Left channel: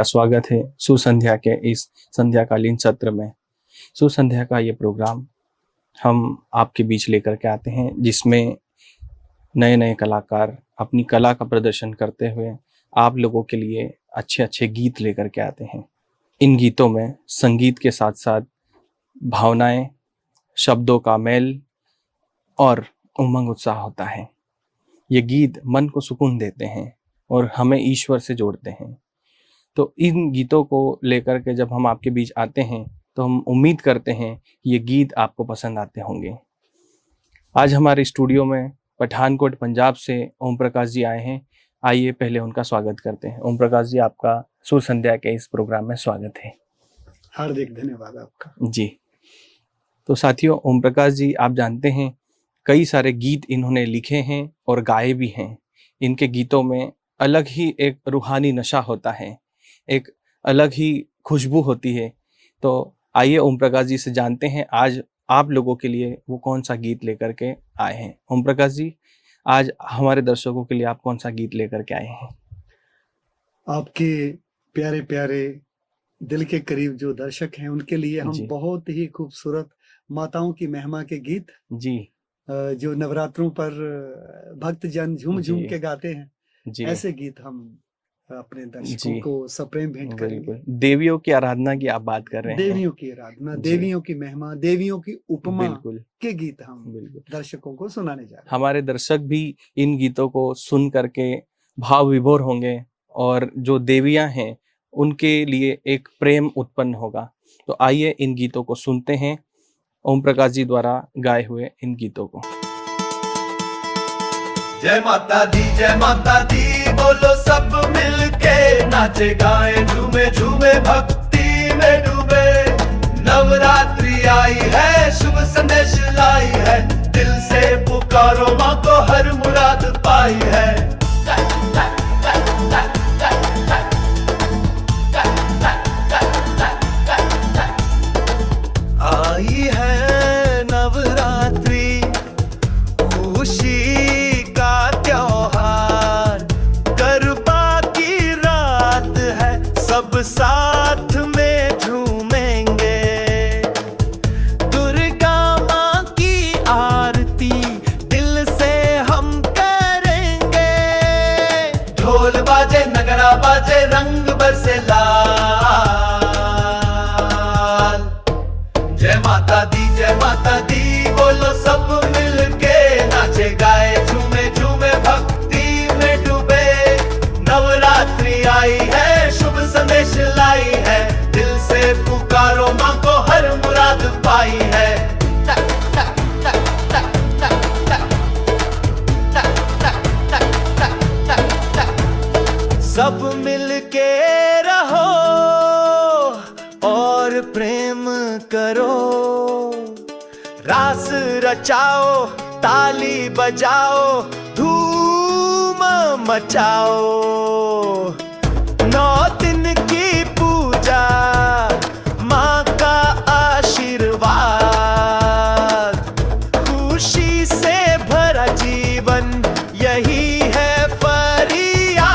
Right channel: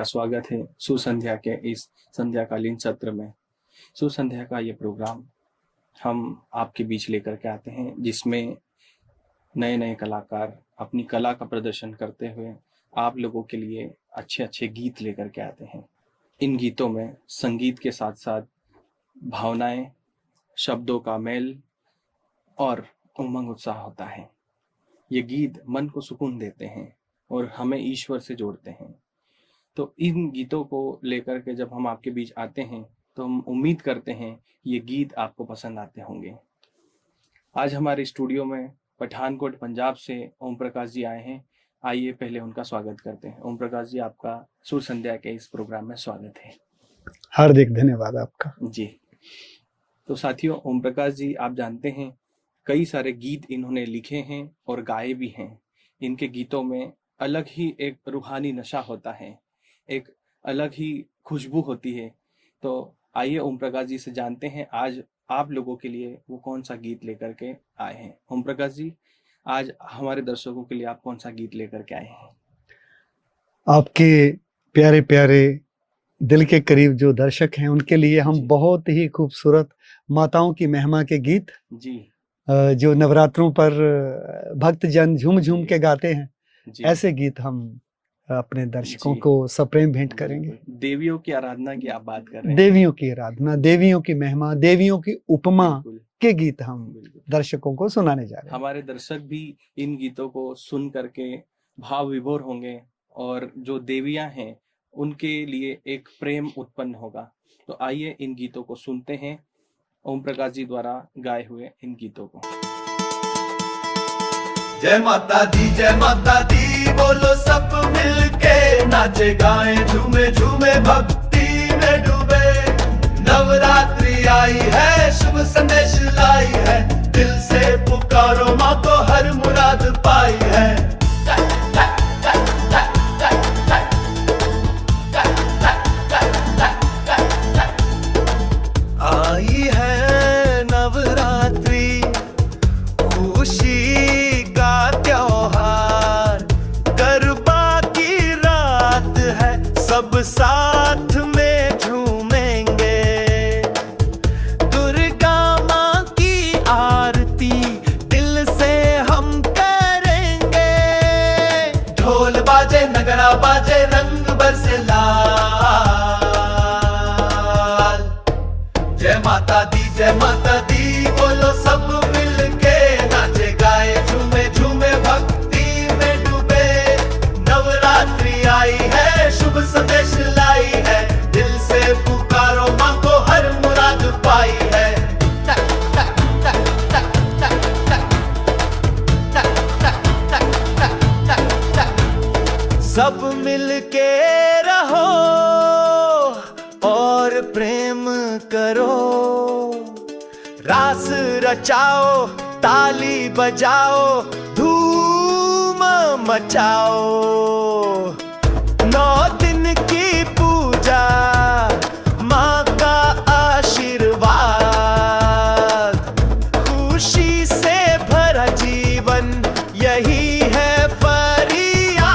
का स्वागत है सुसंध्या के इस संध्याकालीन सत्र में। सुसंध्या का ये प्रोग्राम हम आपके बीच लेकर के आते हैं, जिसमें नए नए कलाकार अपनी कला का प्रदर्शन करते हुए आप लोगों के लिए अच्छे अच्छे गीत लेकर के आते हैं। इन गीतों में संगीत के साथ साथ भावनाएं, शब्दों का मेल और उमंग उत्साह होता है। ये गीत मन को सुकून देते हैं और हमें ईश्वर से जोड़ते हैं। तो इन गीतों को लेकर के जब हम आपके बीच आते हैं तो हम उम्मीद करते हैं कि ये गीत आपको पसंद आते होंगे। आज हमारे स्टूडियो में पठानकोट पंजाब से ओम प्रकाश जी आए हैं। आइए पहले उनका स्वागत करते हैं। ओम प्रकाश जी, आपका सुर संध्या के इस प्रोग्राम में स्वागत है। हार्दिक धन्यवाद आपका। जी, तो साथियों, ओम प्रकाश जी आप जानते हैं कई सारे गीत इन्होंने लिखे हैं और गाए भी हैं। इनके गीतों में अलग ही एक रूहानी नशा होता है, एक अलग ही खुशबू होती है। तो आइए ओम प्रकाश जी से जानते हैं आज आप लोगों के लिए वो कौन सा गीत लेकर के आए हैं। ओम प्रकाश जी, आज हमारे दर्शकों के लिए आप कौन सा गीत लेकर के आए हैं? आपके प्यारे प्यारे दिल के करीब जो दर्शक हैं उनके लिए हम जी। बहुत ही खूबसूरत माताओं की महिमा के गीत जी जो नवरात्रों पर भक्तजन झूम झूम जी। के गाते हैं, जी, ऐसे गीत हम अपने दर्शकों जी। को सप्रेम भेंट करेंगे। बिल्कुल। देवियों की आराधना की आप बात कर रहे हैं। देवियों की आराधना, जी। देवियों की महिमा, देवियों की उपमा बिल्कुल के गीत हम बिल्कुल। दर्शकों को सुनाने जा रहे हैं। हमारे दर्शक भी इन गीतों को सुन करके भाव विभोर होंगे और जो देवियां हैं उनके लिए एक प्रेम उत्पन्न होगा। तो आइए इन गीतों को सुनते हैं, ओम प्रकाश जी द्वारा गाए हुए इन गीतों को। जय माता दी बोलो सब मिलके, नाचे गाएं झूमे झूमे भक्ति में डूबे। नवरात्रि आई है, शुभ संदेश लाई है, दिल से पुकारो माँ को हर मुराद पाई है। आई है नवरात्रि, खुशी का त्योहार, गरबा की रात है, सब साथ में झूमेंगे। दुर्गा माँ की आरती दिल से हम करेंगे। ढोल बाजे, नगरा बाजे, रंग बरसे लाल। जय माता दी बोलो सब मिलके, नाचे गाए झूमे झूमे भक्ति में डूबे। नवरात्रि आई है, शुभ संदेश लाई है, दिल से पुकारो माँ को हर मुराद पाई है। सब मिलके रहो और प्रेम करो, रास रचाओ, ताली बजाओ, धूम मचाओ। 9 दिन की पूजा, माँ का आशीर्वाद, खुशी से भरा जीवन यही है फरियाद।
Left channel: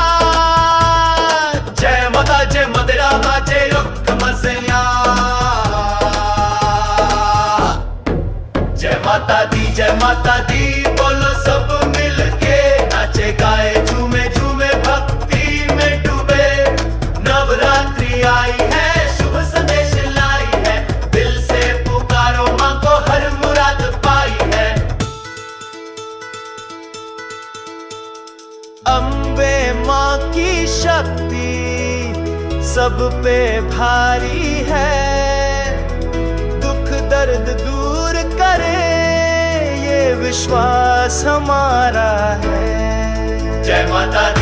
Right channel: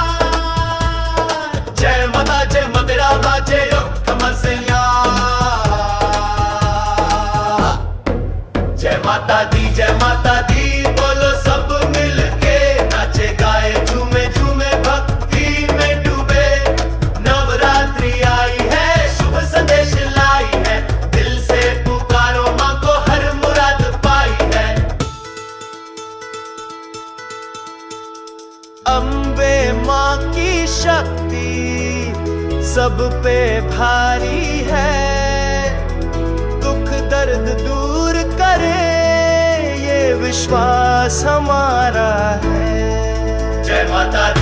जय माता तेरा बाजे रुख मसया। जय माता दी बोलो सब मिलके, नाचे गाए झूमे झूमे भक्ति में डूबे। नवरात्रि आई है, शुभ संदेश लाई है, दिल से पुकारो माँ को हर मुराद पाई है। अम्बे माँ की शक्ति सब पे भारी है, दुख दर्द दूर करे ये विश्वास हमारा है। जय माता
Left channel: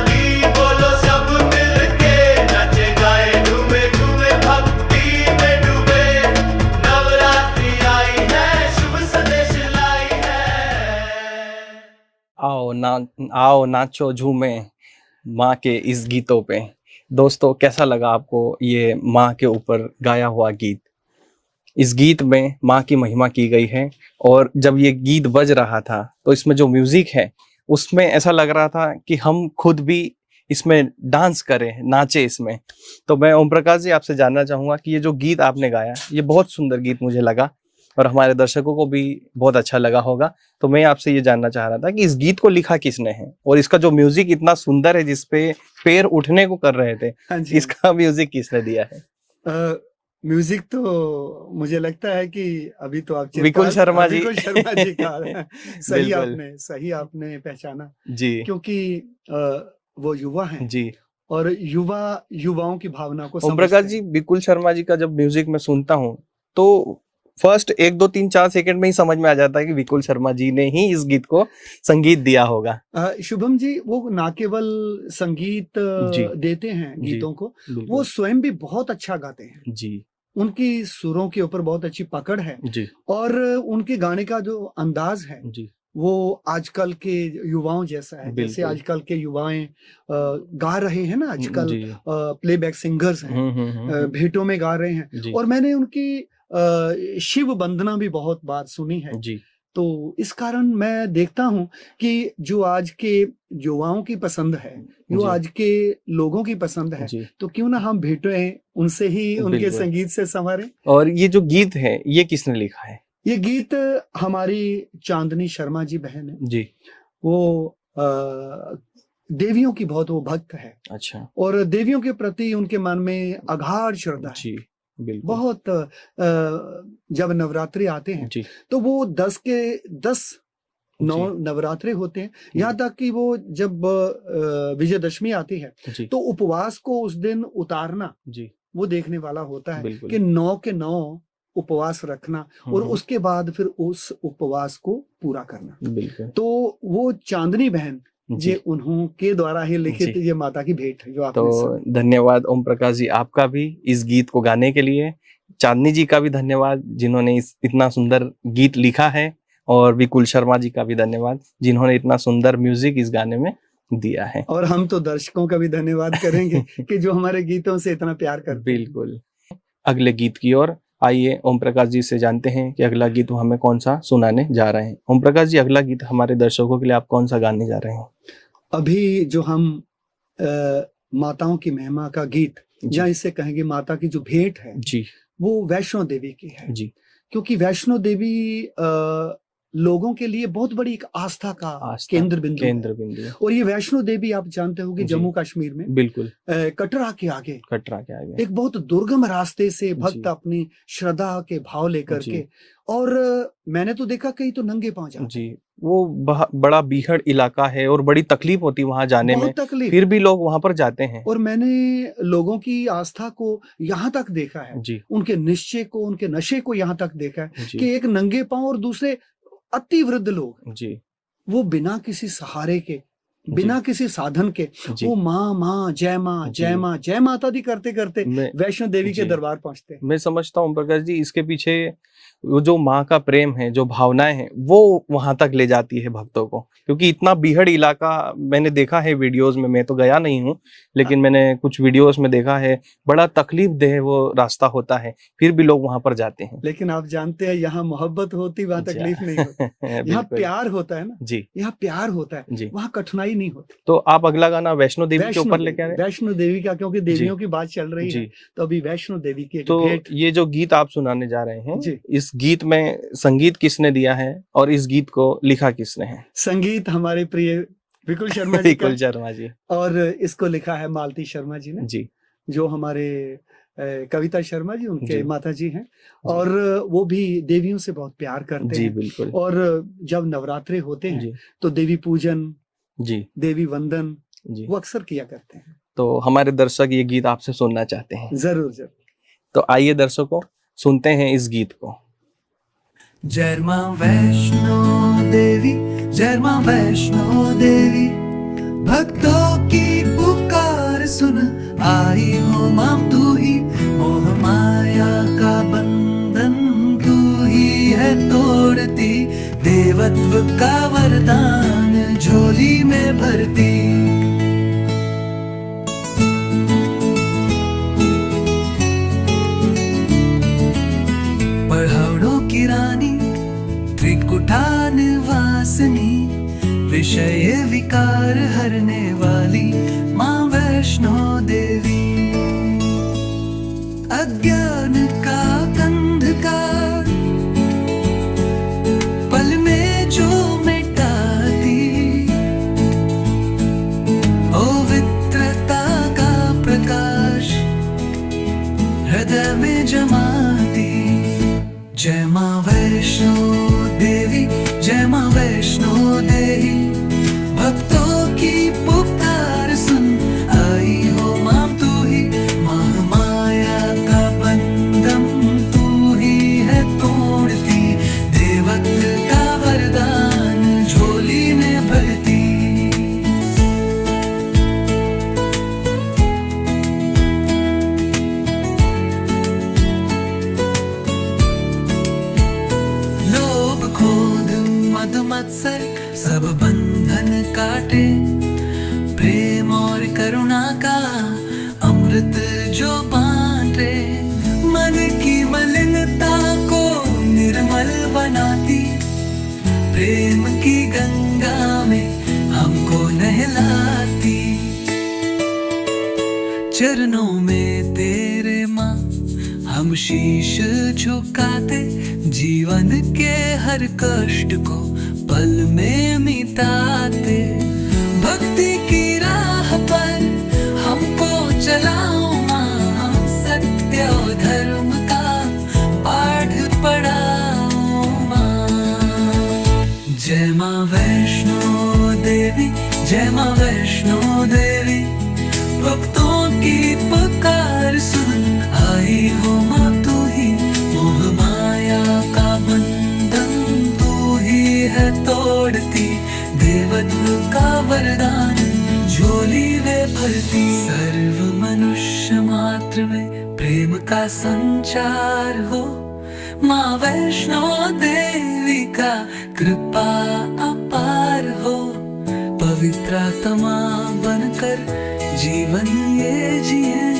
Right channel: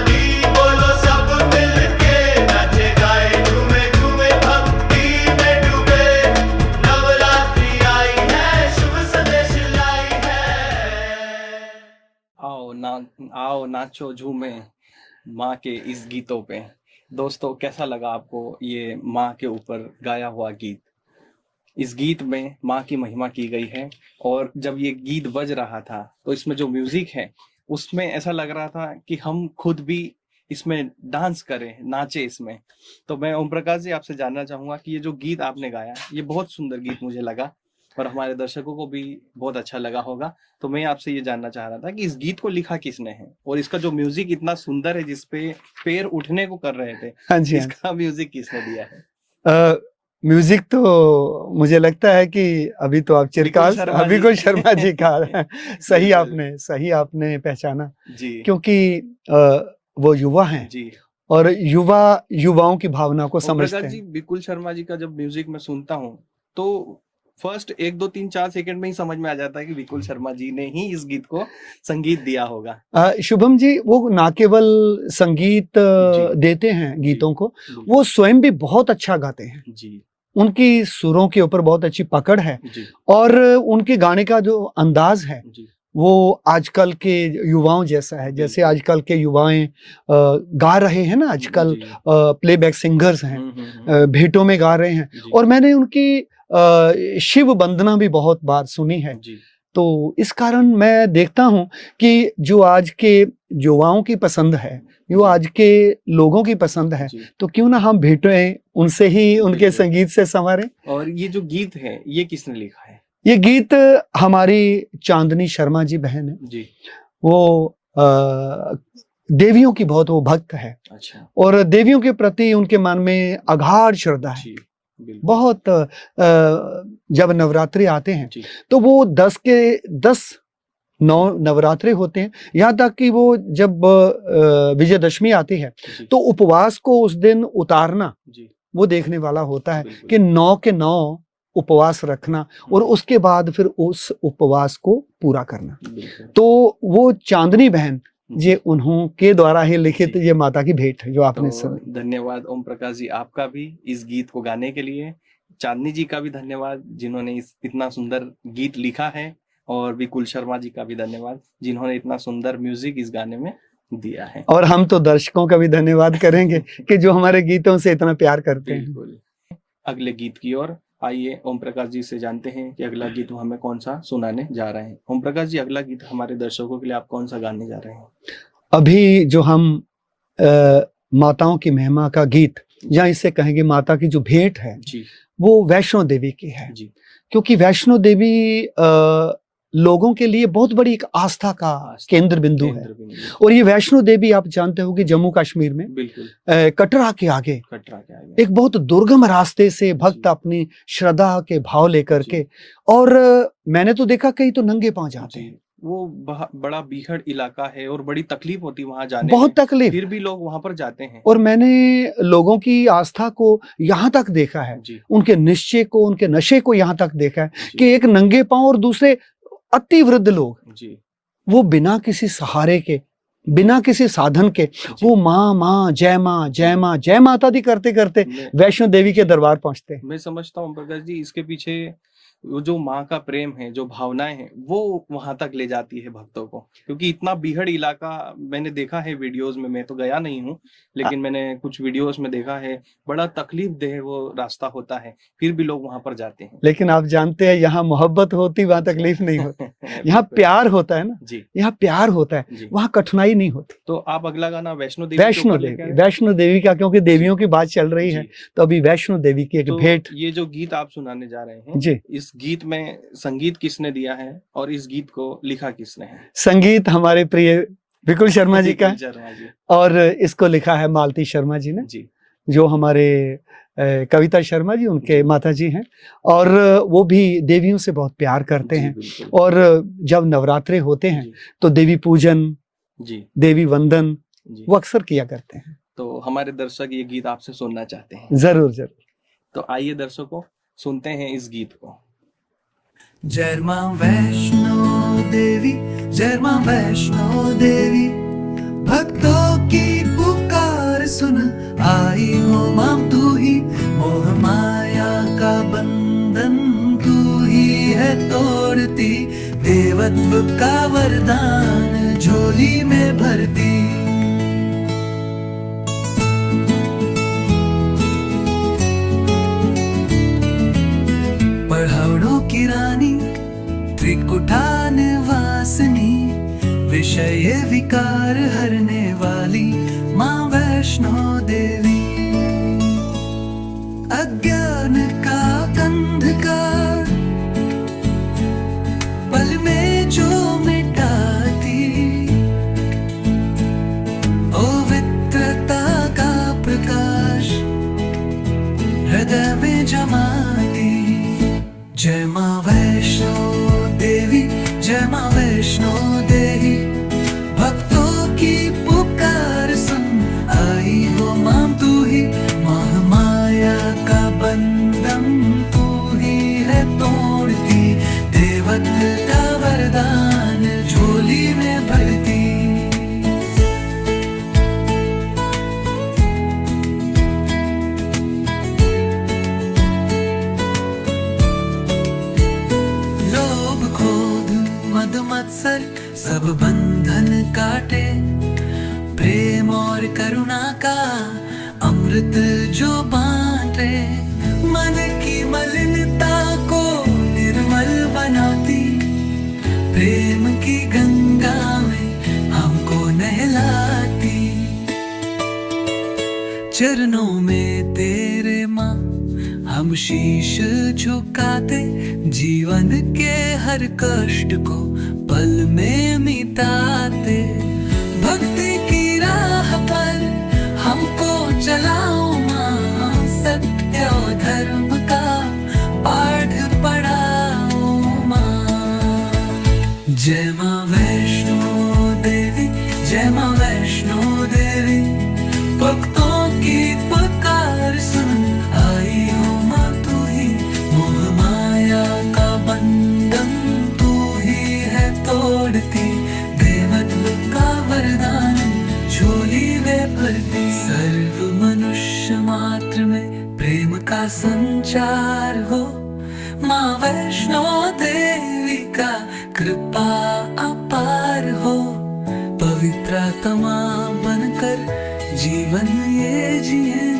दी बोलो सब मिलके, नाचे गाए झूमे झूमे भक्ति में डूबे। नवरात्रि आई है, शुभ संदेश लाई है। आओ नाचो झूमे माँ के इस गीतों पे। दोस्तों, कैसा लगा आपको ये माँ के ऊपर गाया हुआ गीत? इस गीत में माँ की महिमा की गई है और जब ये गीत बज रहा था तो इसमें जो म्यूजिक है उसमें ऐसा लग रहा था कि हम खुद भी इसमें डांस करें, नाचे इसमें। तो मैं ओम प्रकाश जी आपसे जानना चाहूंगा कि ये जो गीत आपने गाया, ये बहुत सुंदर गीत मुझे लगा और हमारे दर्शकों को भी बहुत अच्छा लगा होगा। तो मैं आपसे ये जानना चाह रहा था कि इस गीत को लिखा किसने है, और इसका जो म्यूजिक इतना सुंदर है जिसपे पैर उठने को कर रहे थे, हाँ जी, इसका म्यूजिक किसने दिया है? म्यूजिक तो मुझे लगता है कि अभी तो आप विकुल शर्मा जी। विकुल शर्मा जी का सही बिल्कुल। आपने पहचाना, जी क्योंकि वो युवा हैं जी। और युवाओं की भावना को ओम समझते प्रकाश हैं। जी, विकुल शर्मा जी का जब म्यूजिक मैं सुनता हूँ तो फर्स्ट 1 2 3 4 सेकंड में ही समझ में आ जाता है कि विकुल शर्मा जी ने ही इस गीत को संगीत दिया होगा। शुभम जी वो ना केवल संगीत जी। देते हैं जी। गीतों को, बिल्कुल। वो स्वयं भी बहुत अच्छा गाते हैं। जी उनकी सुरों के ऊपर बहुत अच्छी पकड़ है जी और उनके गाने का जो अंदाज है जी वो आजकल के युवाओं जैसा है। जैसे बिल्कुल। आजकल के युवाएं गा रहे हैं ना, आजकल जी। प्लेबैक सिंगर्स हैं, हम्म। भेंटों में गा रहे हैं। जी और मैंने उनकी शिव वंदना भी बहुत बार सुनी है। जी तो इस कारण मैं देखता हूँ कि जो आज के युवाओं की पसंद है, जो जी। आज के लोगों की पसंद है, जी। तो क्यों ना हम भेंटें उनसे ही, उनके बिल्कुल। संगीत से संवारें। और ये जो गीत है ये किसने लिखा है? ये गीत हमारी चांदनी शर्मा जी बहन है। जी। वो देवियों की बहुत वो भक्त है अच्छा। और देवियों के प्रति उनके मन में अगाध श्रद्धा है। जी बिल्कुल। बहुत जब नवरात्रि आते हैं जी तो वो 10 के 10 9 नवरात्रे होते हैं, यहाँ तक कि वो जब विजयदशमी आती है जी तो उपवास को उस दिन उतारना जी वो देखने वाला होता है बिल्कुल। कि 9 के 9 उपवास रखना और उसके बाद फिर उस उपवास को पूरा करना। बिल्कुल। तो वो चांदनी बहन जी। ये उन्हों के द्वारा ही लिखित जी। ये माता की भेंट है जो आपने तो सुनी। धन्यवाद ओम प्रकाश जी आपका भी इस गीत को गाने के लिए। चांदनी जी का भी धन्यवाद जिन्होंने इतना सुंदर गीत लिखा है, और विकुल शर्मा जी का भी धन्यवाद जिन्होंने इतना सुंदर म्यूजिक इस गाने में दिया है। और हम तो दर्शकों का भी धन्यवाद करेंगे कि जो हमारे गीतों से इतना प्यार करते हैं। बिल्कुल। अगले गीत की ओर आइए ओम प्रकाश जी से जानते हैं कि अगला गीत वो हमें कौन सा सुनाने जा रहे हैं। ओम प्रकाश जी, अगला गीत हमारे दर्शकों के लिए आप कौन सा गाने जा रहे हैं? अभी जो हम माताओं की महिमा का गीत, या इसे कहेंगे माता की जो भेंट है जी, वो वैष्णो देवी की है। जी, क्योंकि वैष्णो देवी लोगों के लिए बहुत बड़ी एक आस्था का केंद्र बिंदु है। और ये वैष्णो देवी आप जानते हो कि जम्मू कश्मीर में बिल्कुल कटरा के आगे एक बहुत दुर्गम रास्ते से भक्त अपनी श्रद्धा के भाव लेकर के, और मैंने तो देखा कहीं तो नंगे पांव जाते हैं। वो बड़ा बीहड़ इलाका है और बड़ी तकलीफ होती है वहां जाने में, बहुत तकलीफ, फिर भी लोग वहां पर जाते हैं। और मैंने लोगों की आस्था को यहाँ तक देखा है, उनके निश्चय को, उनके नशे को यहाँ तक देखा है कि एक नंगे पांव और दूसरे अति वृद्ध लोग वो बिना किसी सहारे के, बिना किसी साधन के, वो माँ माँ जय माँ जय माँ जय माता दी करते करते वैष्णो देवी के दरबार पहुंचते हैं। मैं समझता हूँ प्रकाश जी, इसके पीछे वो जो माँ का प्रेम है, जो भावनाएं हैं, वो वहां तक ले जाती है भक्तों को। क्योंकि इतना बीहड़ इलाका मैंने देखा है वीडियोस में, मैं तो गया नहीं हूँ लेकिन मैंने कुछ वीडियोस में देखा है, बड़ा तकलीफ देह वो रास्ता होता है, फिर भी लोग वहां पर जाते हैं। लेकिन आप जानते हैं यहाँ मोहब्बत होती, वहां तकलीफ नहीं होती। यहाँ प्यार होता है ना जी, यहाँ प्यार होता है, वहाँ कठिनाई नहीं होती। तो आप अगला गाना वैष्णो देवी के ऊपर लेके आए? वैष्णो देवी का, क्योंकि देवियों की बात चल रही है तो अभी वैष्णो देवी की एक भेंट। ये जो गीत आप सुनाने जा रहे हैं जी, इस गीत में संगीत किसने दिया है और इस गीत को लिखा किसने है? संगीत हमारे प्रिय विकुल शर्मा जी का, जी। और इसको लिखा है मालती शर्मा जी ने जी, जो हमारे कविता शर्मा जी उनके माता जी हैं, और वो भी देवियों से बहुत प्यार करते हैं। और जब नवरात्रे होते हैं तो देवी पूजन जी, देवी वंदन वो अक्सर किया करते हैं। तो हमारे दर्शक ये गीत आपसे सुनना चाहते हैं। जरूर जरूर। तो आइए दर्शकों, सुनते हैं इस गीत को। जय मां वैष्णो देवी, जय मां वैष्णो देवी, भक्तों की पुकार सुन आई हो मां तू ही, मोह माया का बंधन तू ही है तोड़ती, देवत्व का वरदान झोली में भरती। पहाड़ों की रानी, त्रिकुटा निवासिनी, विषय विकार हरने वाली, माँ वैष्णो देवी। अज्ञान का अंधकार पल में जो मिटाती, पवित्रता का प्रकाश हृदय में जमाती। जय माँ वैष्णो देवी, जय माँ वैष्णो देवी। भक्तों की पुकार सुन आई हो माँ तू ही, माह माया का बंधन तू ही है तोड़ती, देवत्व का वरदान झोली में भरती। लोभ क्रोध मद मत्सर सब बंधन काटे, प्रेम और करुणा का अमृत जो बांटे। मन की मलिनता को निर्मल बनाती, प्रेम की गंगा में हमको नहलाती। चरणों में तेरे माँ हम शीश झुकाते, जीवन के हर कष्ट को पल में मिटाते। भक्ति की राह पर हमको चलाओ माँ, सत्य और धर्म का पाठ पढ़ाओ माँ। जय माँ वैष्णो देवी, जय माँ वैष्णो देवी। भक्तों की पुकार सुन आई हो माँ तू ही, मोह माया का बंधन तू ही है तोड़ती, देवत्व का वरदान झोली में भरती। सर्व मनुष्य मात्र में प्रेम का संचार हो, माँ वैष्णो देवी का कृपा अपार हो। पवित्र आत्मा बनकर जीवन ये जिए,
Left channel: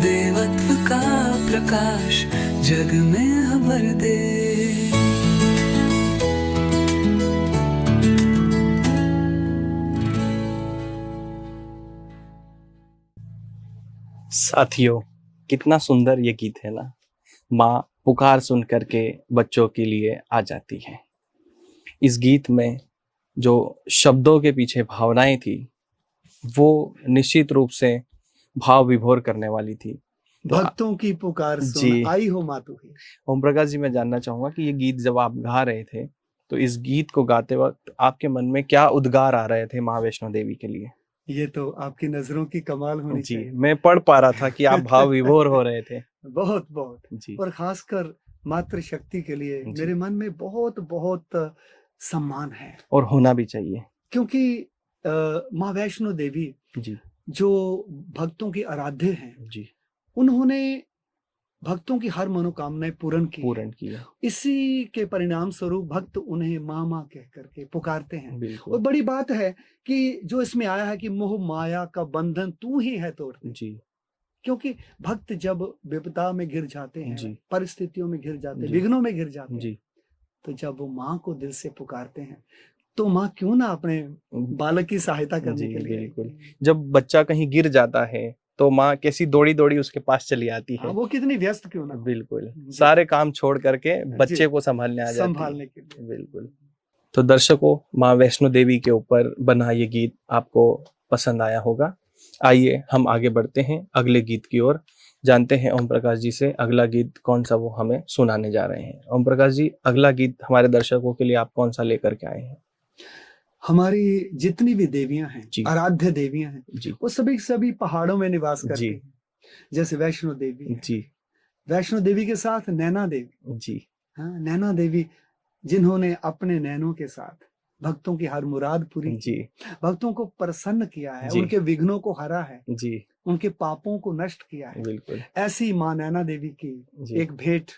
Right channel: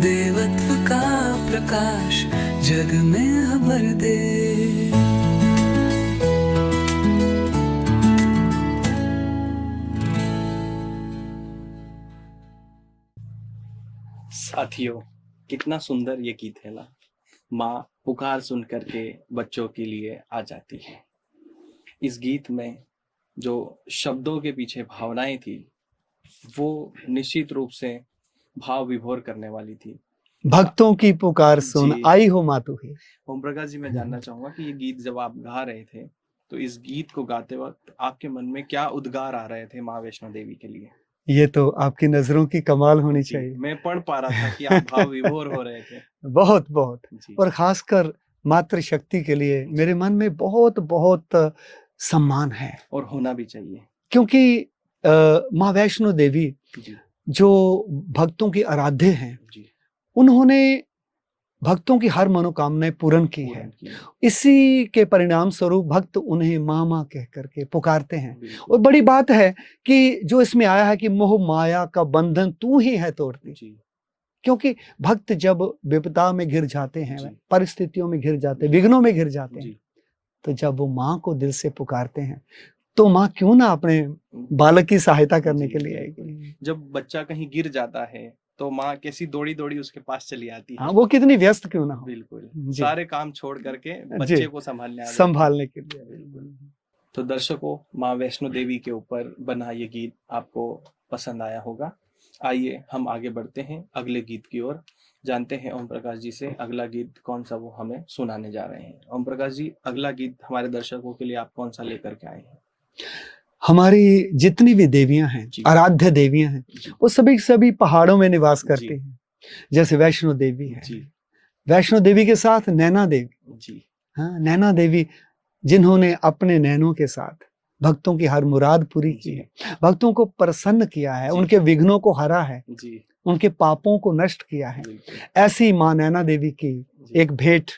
देवत्व का प्रकाश जग में भर दे। साथियों, कितना सुंदर ये गीत है ना। माँ पुकार सुन करके बच्चों के लिए आ जाती है। इस गीत में जो शब्दों के पीछे भावनाएं थी वो निश्चित रूप से भाव विभोर करने वाली थी। भक्तों की पुकार सुन आई हो माँ तू ही। ओम प्रकाश जी, मैं जानना चाहूंगा कि ये गीत जब आप गा रहे थे तो इस गीत को गाते वक्त आपके मन में क्या उद्गार आ रहे थे माँ वैष्णो देवी के लिए? ये तो आपकी नजरों की कमाल होनी चाहिए। मैं पढ़ पा रहा था कि आप भाव विभोर हो रहे थे। बहुत बहुत। और खासकर मातृशक्ति के लिए मेरे मन में बहुत बहुत सम्मान है, और होना भी चाहिए, क्योंकि माँ वैष्णो देवी जो भक्तों की आराध्य हैं, उन्होंने भक्तों की हर मनोकामनाएं पूर्ण की है। इसी के परिणाम स्वरूप भक्त उन्हें माँ माँ कह करके पुकारते हैं। और बड़ी बात है कि जो इसमें आया है कि मोह माया का बंधन तू ही है तोड़ती। क्योंकि भक्त जब विपदा में घिर जाते हैं, परिस्थितियों में घिर जाते हैं, विघ्नों में घिर जाते हैं, तो जब वो माँ को दिल से पुकारते हैं तो माँ क्यों ना अपने बालक की सहायता करने के लिए। जब बच्चा कहीं गिर जाता है तो माँ कैसी दौड़ी दौड़ी उसके पास चली आती है। वो कितनी व्यस्त क्यों ना। बिल्कुल, सारे काम छोड़ करके बच्चे को संभालने के लिए। बिल्कुल। तो दर्शकों, माँ वैष्णो देवी के ऊपर बना ये गीत आपको पसंद आया होगा। आइए हम आगे बढ़ते हैं अगले गीत की ओर, जानते हैं ओम प्रकाश जी से अगला गीत कौन सा वो हमें सुनाने जा रहे हैं। ओम प्रकाश जी, अगला गीत हमारे दर्शकों के लिए आप कौन सा लेकर के आए हैं? हमारी जितनी भी देवियां हैं, आराध्य देवियां हैं, वो सभी पहाड़ों में निवास करती हैं। जैसे वैष्णो देवी है, वैष्णो देवी के साथ नैना देवी। हाँ, नैना देवी जिन्होंने अपने नैनों के साथ भक्तों की हर मुराद पूरी की है, भक्तों को प्रसन्न किया है, उनके विघ्नों को हरा है, उनके पापों को नष्ट किया है। ऐसी माँ नैना देवी की एक भेंट,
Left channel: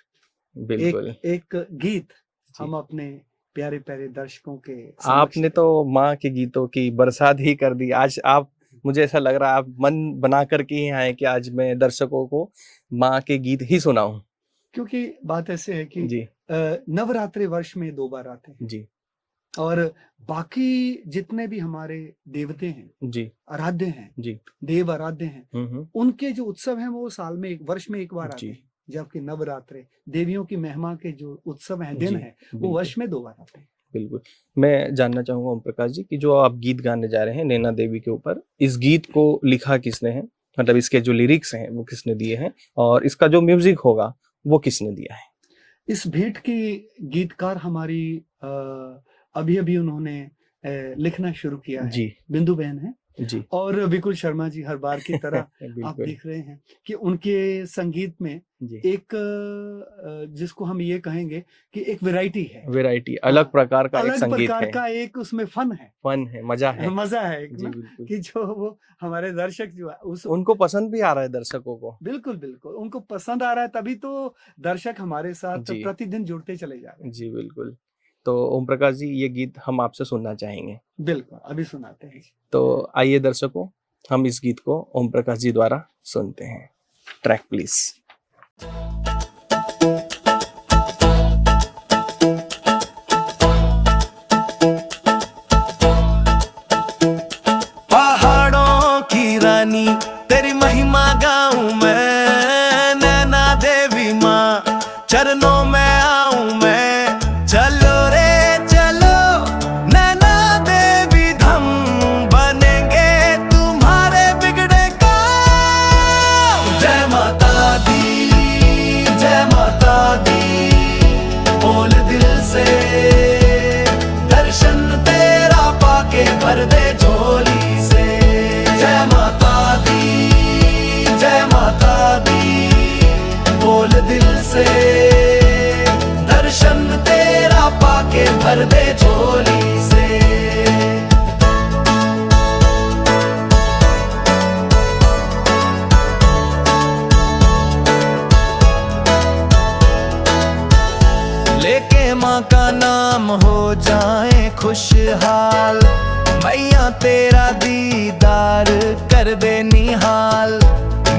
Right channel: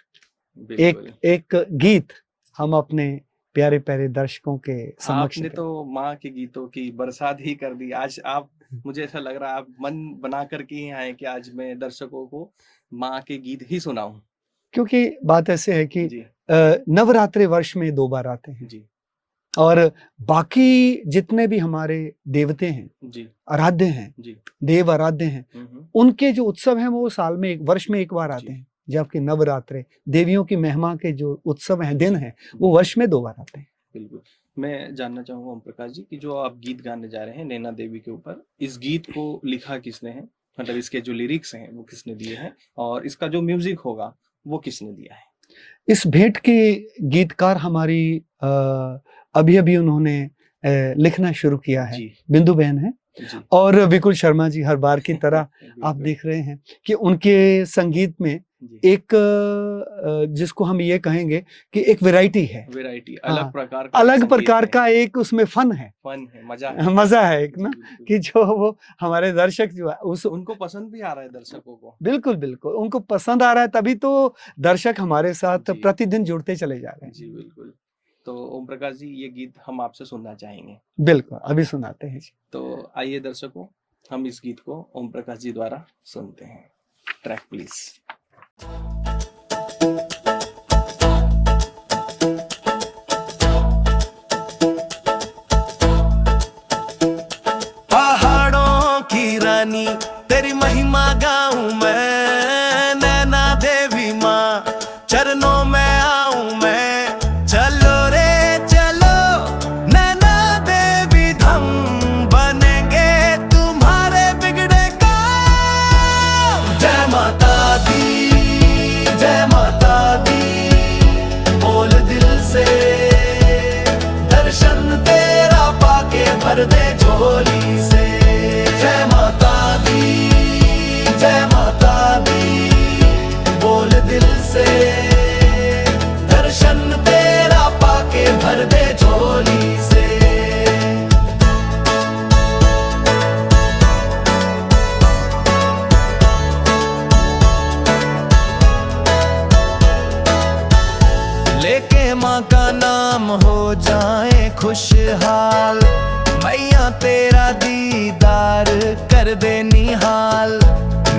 एक गीत हम अपने प्यारे प्यारे दर्शकों के आपने तो माँ के गीतों की बरसात ही कर दी। आज आप, मुझे ऐसा लग रहा है आप मन बना करके ही आए कि आज मैं दर्शकों को माँ के गीत ही सुनाऊं। क्योंकि बात ऐसे है कि नवरात्रि वर्ष में 2 बार आते हैं। और बाकी जितने भी हमारे देवते हैं जी, आराध्य हैं जी, देव आराध्य हैं, हम्म, उनके जो उत्सव हैं वो साल में वर्ष में एक बार आते जी। हैं। जबकि नवरात्रे देवियों की महिमा के जो उत्सव हैं, दिन जी, हैं, वो बिल्कुल। वर्ष में 2 बार आते हैं। बिल्कुल। मैं जानना चाहूंगा ओम प्रकाश जी कि जो आप गीत गाने जा रहे हैं नैना देवी के ऊपर, इस गीत को लिखा किसने है? मतलब इसके जो लिरिक्स हैं वो किसने दिए हैं, और इसका जो म्यूजिक होगा वो किसने दिया है? इस भेंट के गीतकार हमारी अभी-अभी उन्होंने लिखना शुरू किया है, जी, बिंदु बहन है। जी, और विकुल शर्मा जी हर बार की तरह आप बिल्कुल, देख रहे हैं कि उनके संगीत में जी। एक जिसको हम ये कहेंगे कि एक वैरायटी है, वैरायटी, हाँ, अलग प्रकार का एक अलग संगीत प्रकार है, का एक उसमें फन है, मजा है। मजा है एक जी, ना, बिल्कुल। कि जो वो हमारे दर्शक जो है उस उनको पसंद भी आ रहा है दर्शकों को। बिल्कुल, बिल्कुल, उनको पसंद आ रहा है, तभी तो दर्शक हमारे साथ जी। प्रतिदिन जुड़ते चले जा रहे हैं। जी, बिल्कुल। तो ओम प्रकाश जी, ये गीत हम आपसे सुनना चाहेंगे। बिल्कुल, अभी सुनाते हैं। तो आइए दर्शकों, हम इस गीत को ओम प्रकाश जी द्वारा सुनते हैं। Track please. पहाड़ों की रानी तेरी महिमा गाऊं मैं, नैना देवी माँ चरणों में आऊं मैं। चलो रे चलो नैना देवी, हम बनेंगे तुम्हारे बिगड़े काम। जय माता दी, जय माता दी, बोल दिल से दर्शन तेरा पाके भर दे झोली से। जय माता दी, जय माता दी, बोल दिल से दर्शन तेरा पाके भर दे झोली से। लेके माँ का नाम हो जाए खुशहाल, मैया तेरा दीदार कर दे निहाल।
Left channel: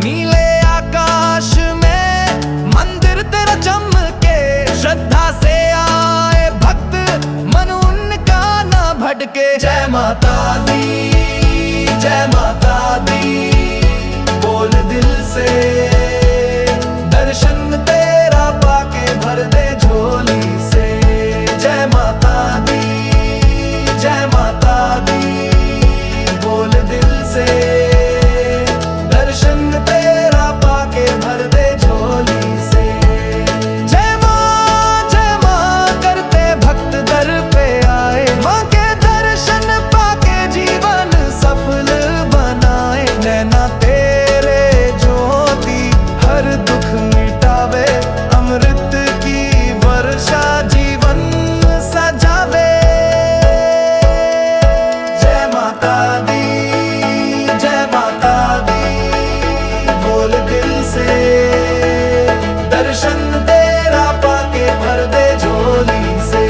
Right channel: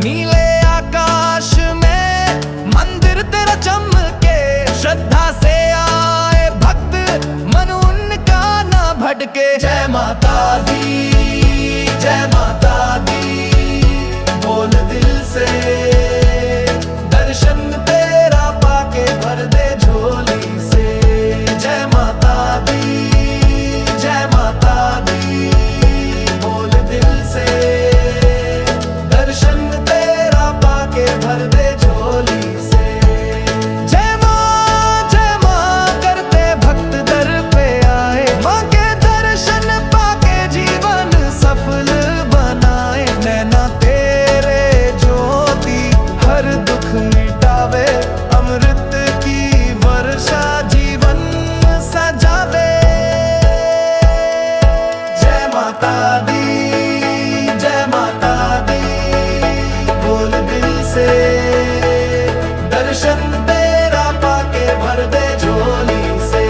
नीले आकाश में मंदिर तेरा चमके, श्रद्धा से आए भक्त मन उनका ना भटके। जय माता दी, जय माता दी, बोल दिल से दर्शन तेरा पाके भर दे झोली से। जय माता दी, जय माता दी, बोल दिल से दर्शन तेरा पाके भर दे झोली से। जय माँ करते भक्त दर पे आए, माँ के दर्शन पाके जीवन सफल बनाए। नैना तेरे ज्योति हर दुख मिटावे, अमृत की वर्षा जीवन सजावे। जय माता दी, जय माता दी, बोल दिल से दर्शन तेरा पाके भर दे झोली से।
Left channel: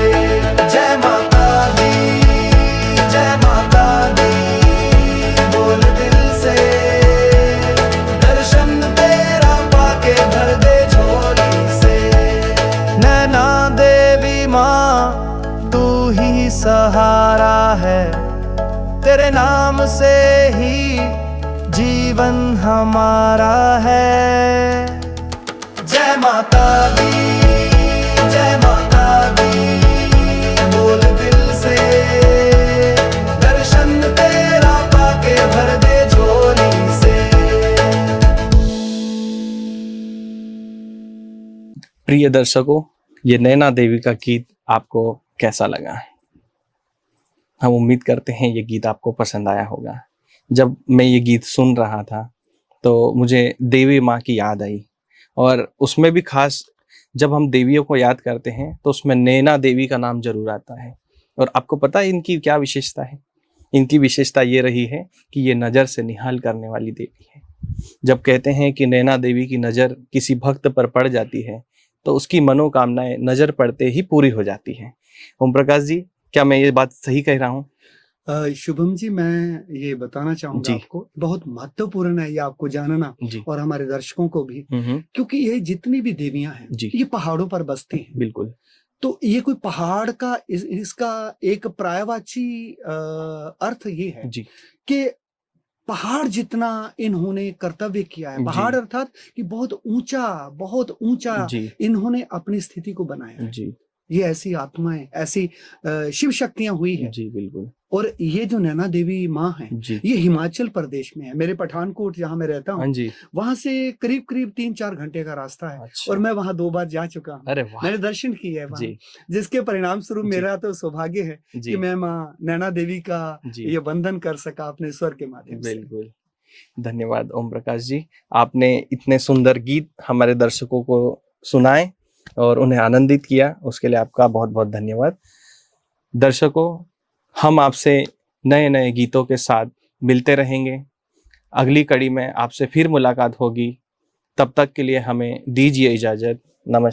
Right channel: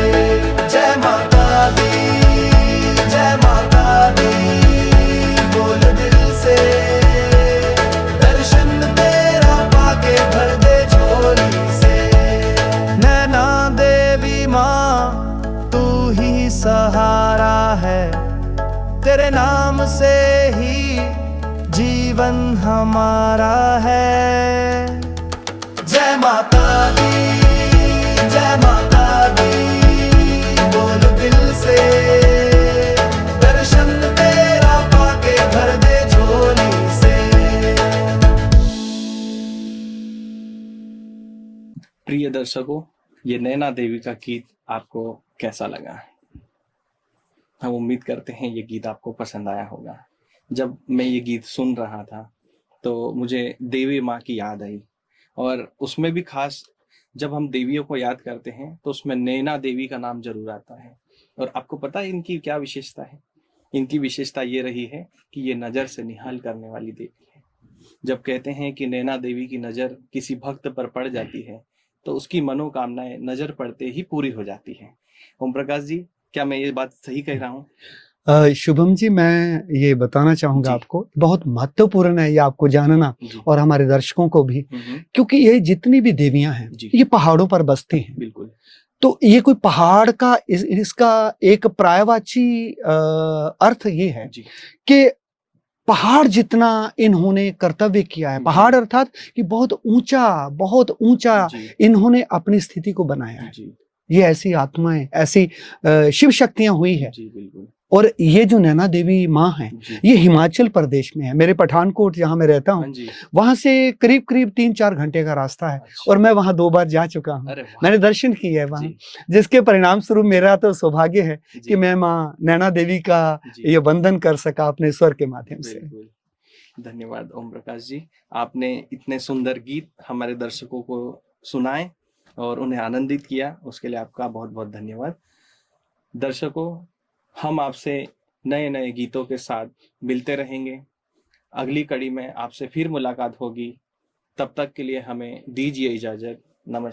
जय माता दी, जय माता दी, बोल दिल से दर्शन तेरा पाके भर दे झोली से। नैना देवी माँ तू ही सहारा है, तेरे नाम से ही जीवन हमारा है। जय माता दी, जय माता दी, बोल दिल से दर्शन तेरा पाके भर दे झोली से। प्रिय दर्शकों, ये नैना देवी का गीत आपको कैसा लगा? हम उम्मीद करते हैं ये गीत आपको पसंद आया होगा। जब मैं ये गीत सुन रहा था तो मुझे देवी माँ की याद आई, और उसमें भी खास जब हम देवियों को याद करते हैं तो उसमें नैना देवी का नाम जरूर आता है। और आपको पता है इनकी क्या विशेषता है? इनकी विशेषता ये रही है कि ये नज़र से निहाल करने वाली देवी है। जब कहते हैं कि नैना देवी की नज़र किसी भक्त पर पड़ जाती है तो उसकी मनोकामनाएं नज़र पड़ते ही पूरी हो जाती हैं। ओम प्रकाश जी, क्या मैं ये बात सही कह रहा हूँ? शुभम जी, मैं ये बताना चाहूंगा जी। आपको, बहुत महत्वपूर्ण है ये आपको जानना, जी। और हमारे दर्शकों को भी, क्योंकि ये जितनी भी देवियां हैं जी। ये पहाड़ों पर बसती हैं। बिल्कुल। तो ये कोई पहाड़ का इसका एक पर्यायवाची अर्थ ये है कि पहाड़ जितना इन्होंने कर्तव्य किया है, पहाड़ अर्थात कि बहुत ऊंचा इन्होंने अपनी स्थिति को बनाया है। ये ऐसी आत्माएं, ऐसी शिव शक्तियां हुई है। जी बिल्कुल। और ये जो नैना देवी माँ है, ये हिमाचल प्रदेश में है। मेरे पठानकोट जहाँ मैं रहता हूँ, वहां से करीब 3-4 घंटे का रास्ता है। और मैं वहां 2 बार जा चुका हूँ, मैंने दर्शन किए है वहां, जिसके परिणाम स्वरूप मेरा तो सौभाग्य है कि मैं माँ नैना देवी का ये वंदन कर सका अपने स्वर के माध्यम से। बिल्कुल, धन्यवाद ओम प्रकाश जी, आपने इतने सुंदर गीत हमारे दर्शकों को सुनाए और उन्हें आनंदित किया, उसके लिए आपका बहुत बहुत धन्यवाद। दर्शकों, हम आपसे नए नए गीतों के साथ मिलते रहेंगे। अगली कड़ी में आपसे फिर मुलाकात होगी। तब तक के लिए हमें दीजिए इजाजत। नमस्कार।